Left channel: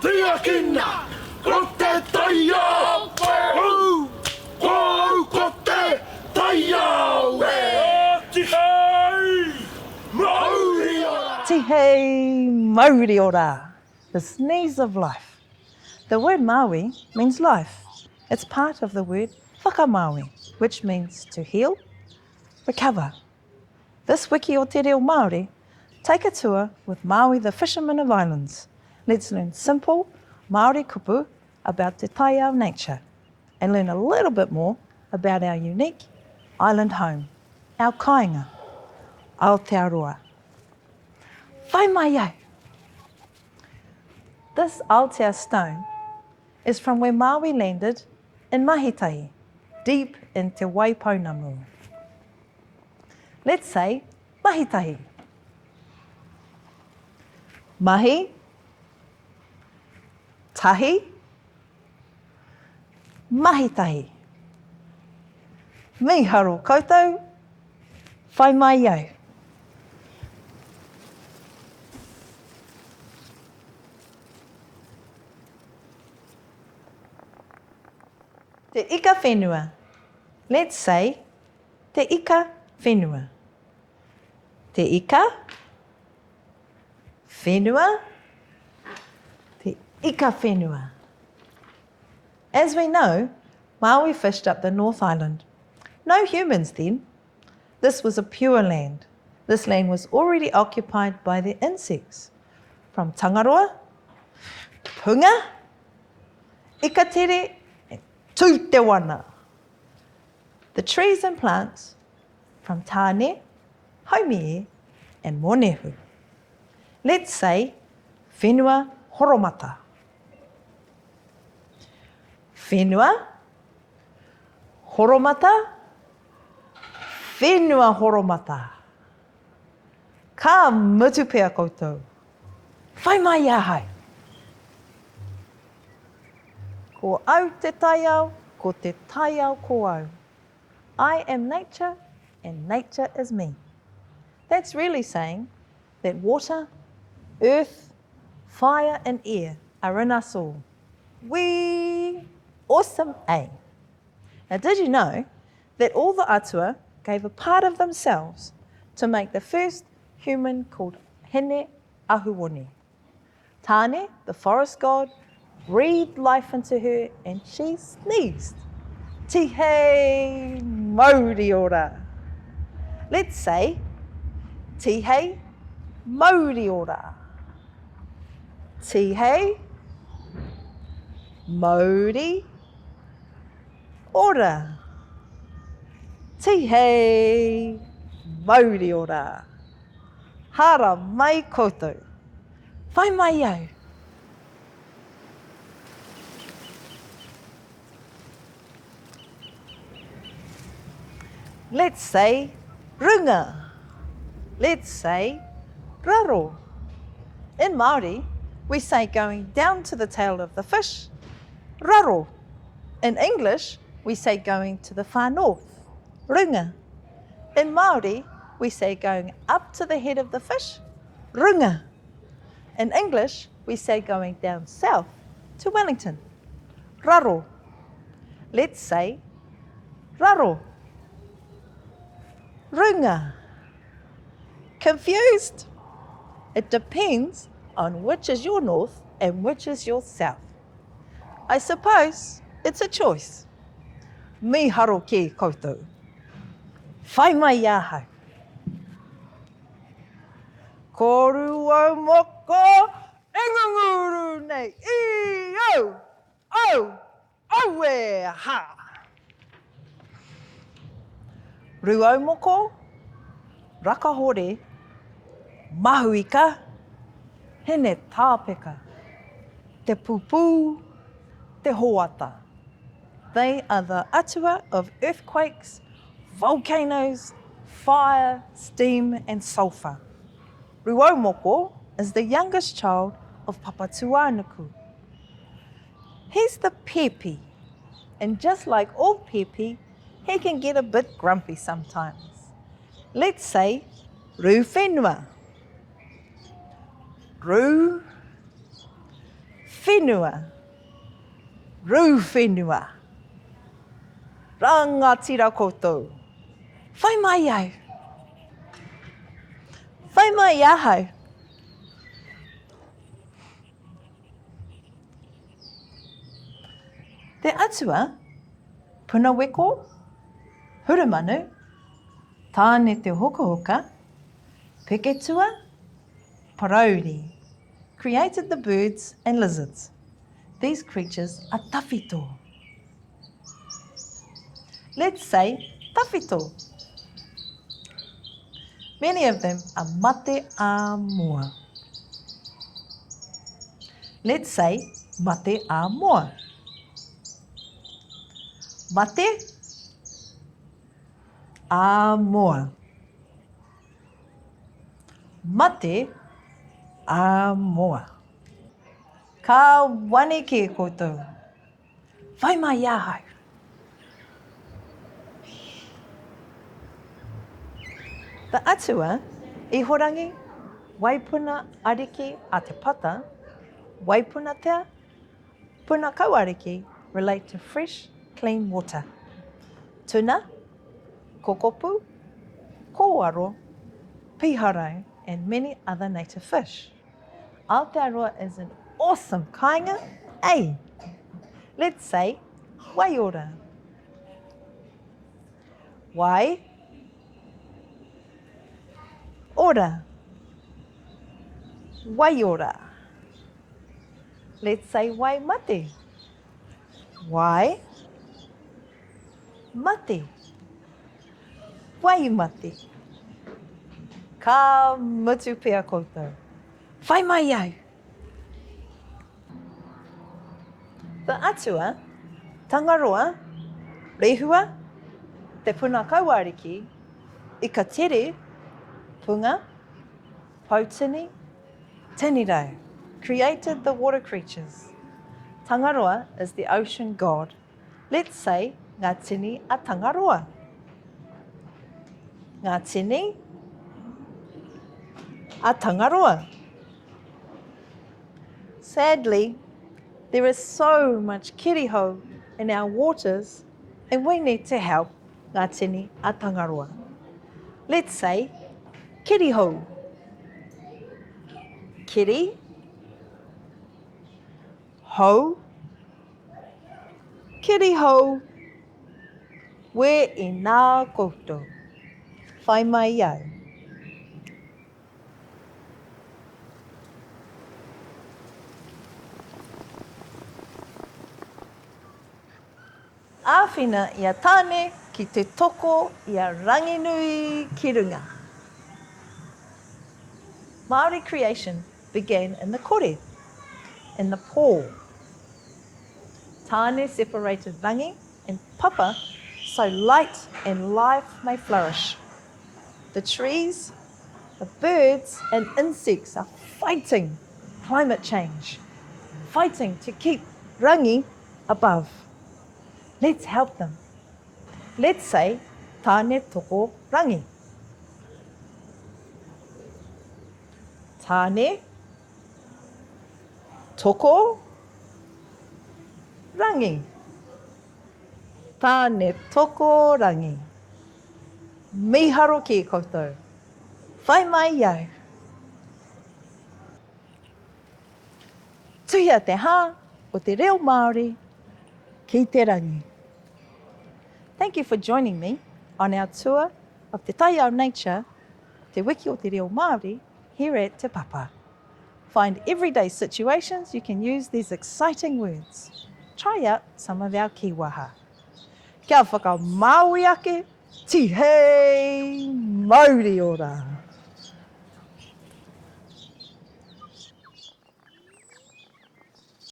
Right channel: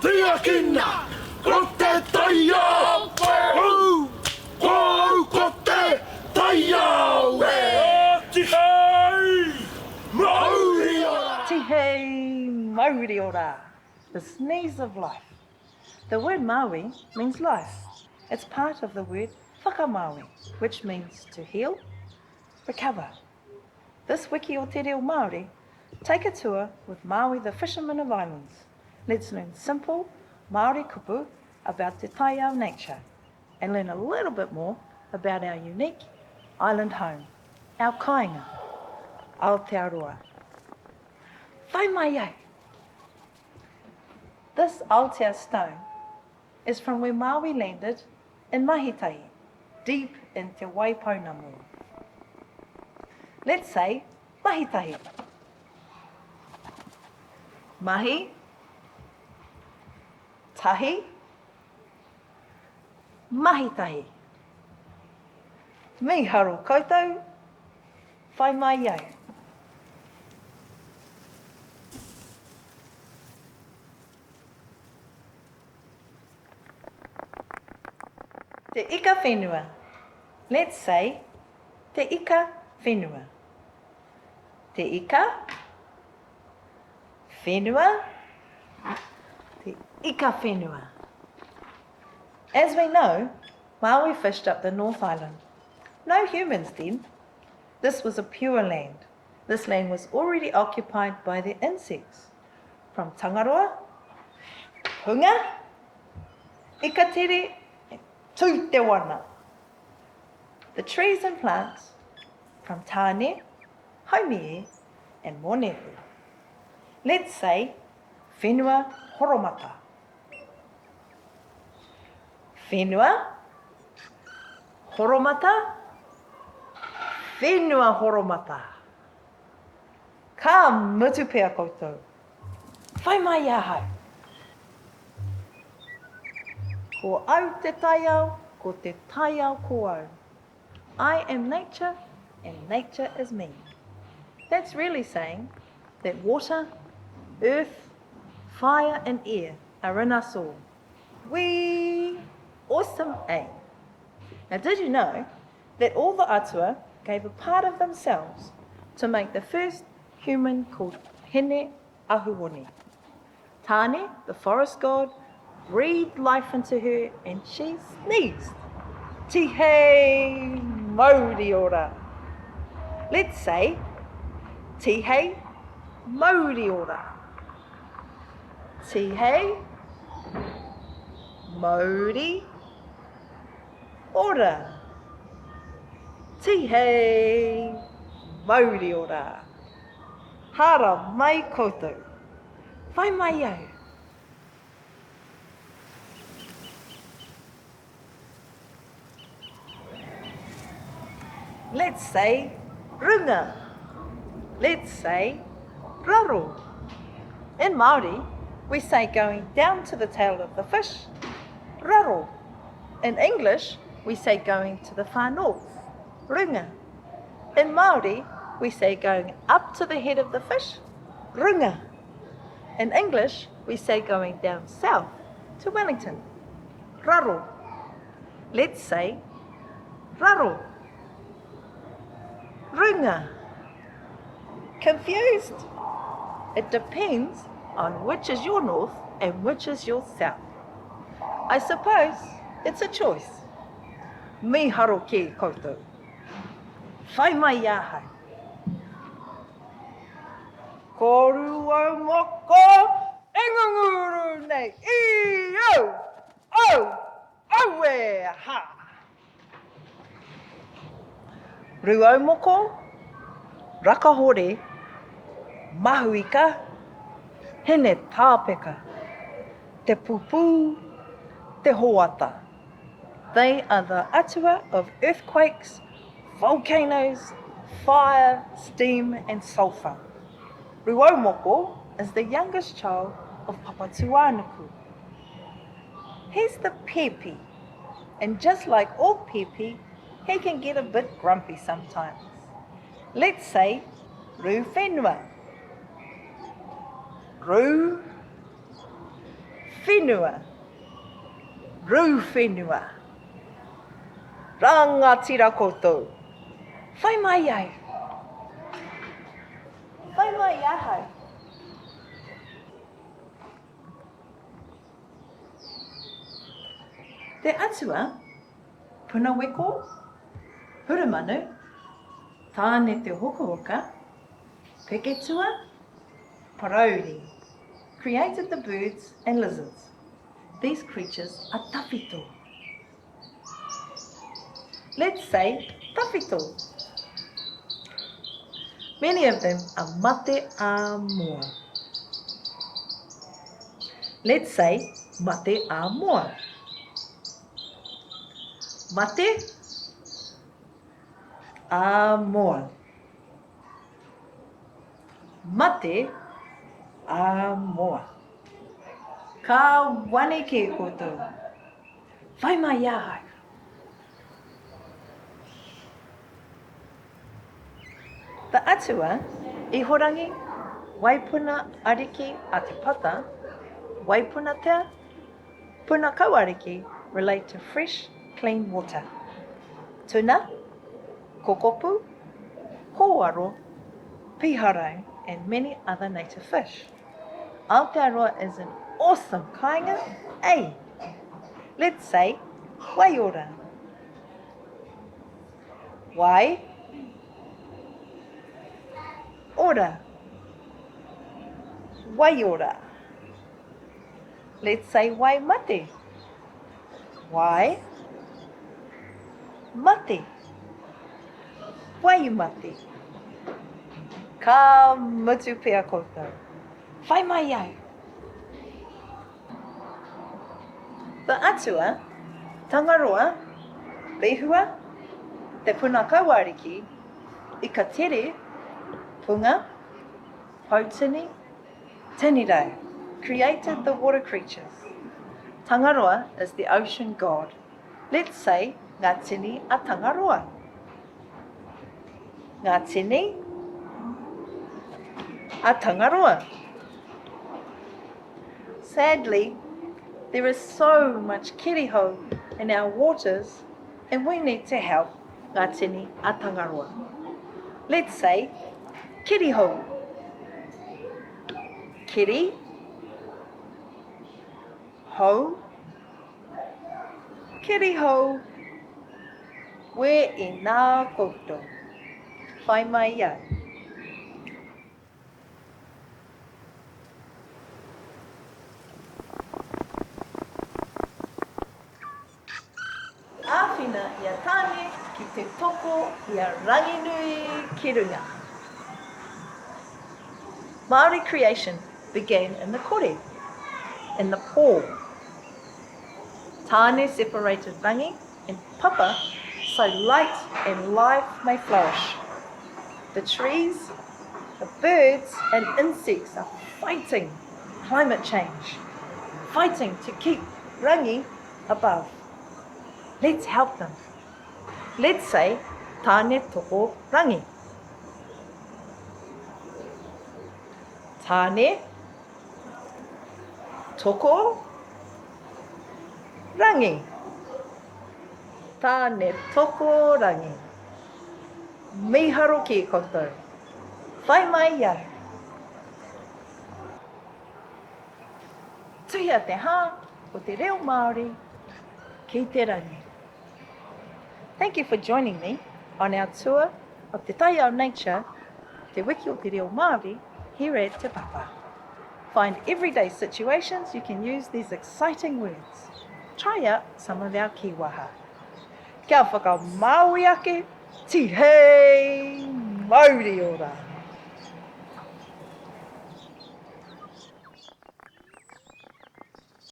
Tiakina, ko te Taiao! Ko te Taiao! Te hei, Māori ora! Te hei, Māori ora, the sneeze of life. The word Maui means life. It's part of the word whakamaui, which means to heal, recover. This wiki o Te Reo Māori, take a tour with Maui the Fisherman of Islands. Let's learn simple Māori kupu about Te Taiao nature and learn a little bit more about our unique island home, our kāinga, Aotearoa. Whai mai au. This Aotea stone is from where Maui landed in Mahitahi, deep in Te Waipounamu. Let's say Mahitahi. Mahi, tahi, mahitahi. Me haro koutou, whai mai au. Te ika whenua. Let's say te ika whenua. Te ika whenua. Te ika whenua. As we know, Maui fished up the North Island. No humans then. This was a pure land. This land was already occupied by the insects. From Tangaroa, Punga, Ikatere, to Te Wana. The trees and plants from Tāne, Haumie and Monehu. Let's say whenua horomata. Whenua horomata, whenua horomata. Ka mutu pea koutou. Whai mai ahai. Ko au te taiao, ko te taiao ko au. I am nature and nature is me. That's really saying that water, earth, fire and air are in us all. Wee! Awesome, eh? Now did you know that all the atua gave a part of themselves to make the first human called Hene Ahuoni? Tāne, the forest god, breathed life into her and she sneezed. Te hei Māori ora. Let's say te hei Māori ora. Te hei Māori ora. Te hei Māori ora. Hara mai koutou. Whai mai au. Let's say runga. Let's say raro. In Māori, we say going down to the tail of the fish, raro. In English, we say going to the far north, runga. In Māori, we say going up to the head of the fish, runga. In English, we say going down south to Wellington, raro. Let's say raro. Runga. Confused? It depends on which is your north and which is your south. I suppose it's a choice. Me haro ki koutou. Whai mai ahau. Ko rua moko enganguru nei i au aue ha. Ruau moko, rakahore, mahuika, hene tāpeka, te pupu, te hoata. They are the atua of earthquakes, volcanoes, fire, steam and sulphur. Ruau moko is the youngest child of Papatuanuku. He's the pepe, and just like all pepe, he can get a bit grumpy sometimes. Let's say ru whenua. Ru whenua, rū whenua, rangatira koutou, whai mai au, whai mai ahau. Te atua, puna weko, huramanu, tāne te hokahoka, peketua, parauri, created the birds and lizards. These creatures are tawhito. Let's say tawhito. Many of them are mate a moa. Let's say mate a moa. Mate a moa. Mate a moa. Ka wane ki e koutou. Whai mai ahau. The atua, ihorangi, waipuna ariki a te pata, waipuna tea, puna kauariki relate to fresh, clean water. Tuna, kokopu, kōwaro, piharau, and many other native fish. Aotearoa is an awesome kāinga, eh? Let's say, waiora. Wai, ora. Waiora. Let's say wai mate. Wai mate. Wai mate. Ka mutu pea koutou. Whai mai au. The atua, tangaroa, rehua, te puna kauariki, i ka tere, punga, hautini, tanirau, created the water creatures. Tangaroa is the ocean god. Let's say ngā tini a tangaroa. Ngā tini a tangaroa. Sadly, there is so much kiriho in our waters and we need to help ngā tini a tangaroa. Let's say kiriho. Kiri, ho, kiriho, we i nā koutou. Whai mai au. Āwhina ia tāne ki te toko ia ranginui ki runga. Māori creation began in the kore, in the pō. Tāne separated rangi and papa so light and life may flourish. The trees, the birds and insects are fighting climate change, fighting to keep rangi above. Let's help them. Let's say tāne toko rangi. Tāne toko rangi. Tāne toko rangi. Miharo ki koutou. Whai mai au. Tuia te hā o te reo Māori ki te rangi. Thank you for joining me on our tour of Te Taiao nature, Te Wiki o Te Reo Māori, here at Te Papa. Find everyday situations you can use these exciting words. Try out some of our kiwaha. Kia whakau Māori ake, ti hei Māori ora.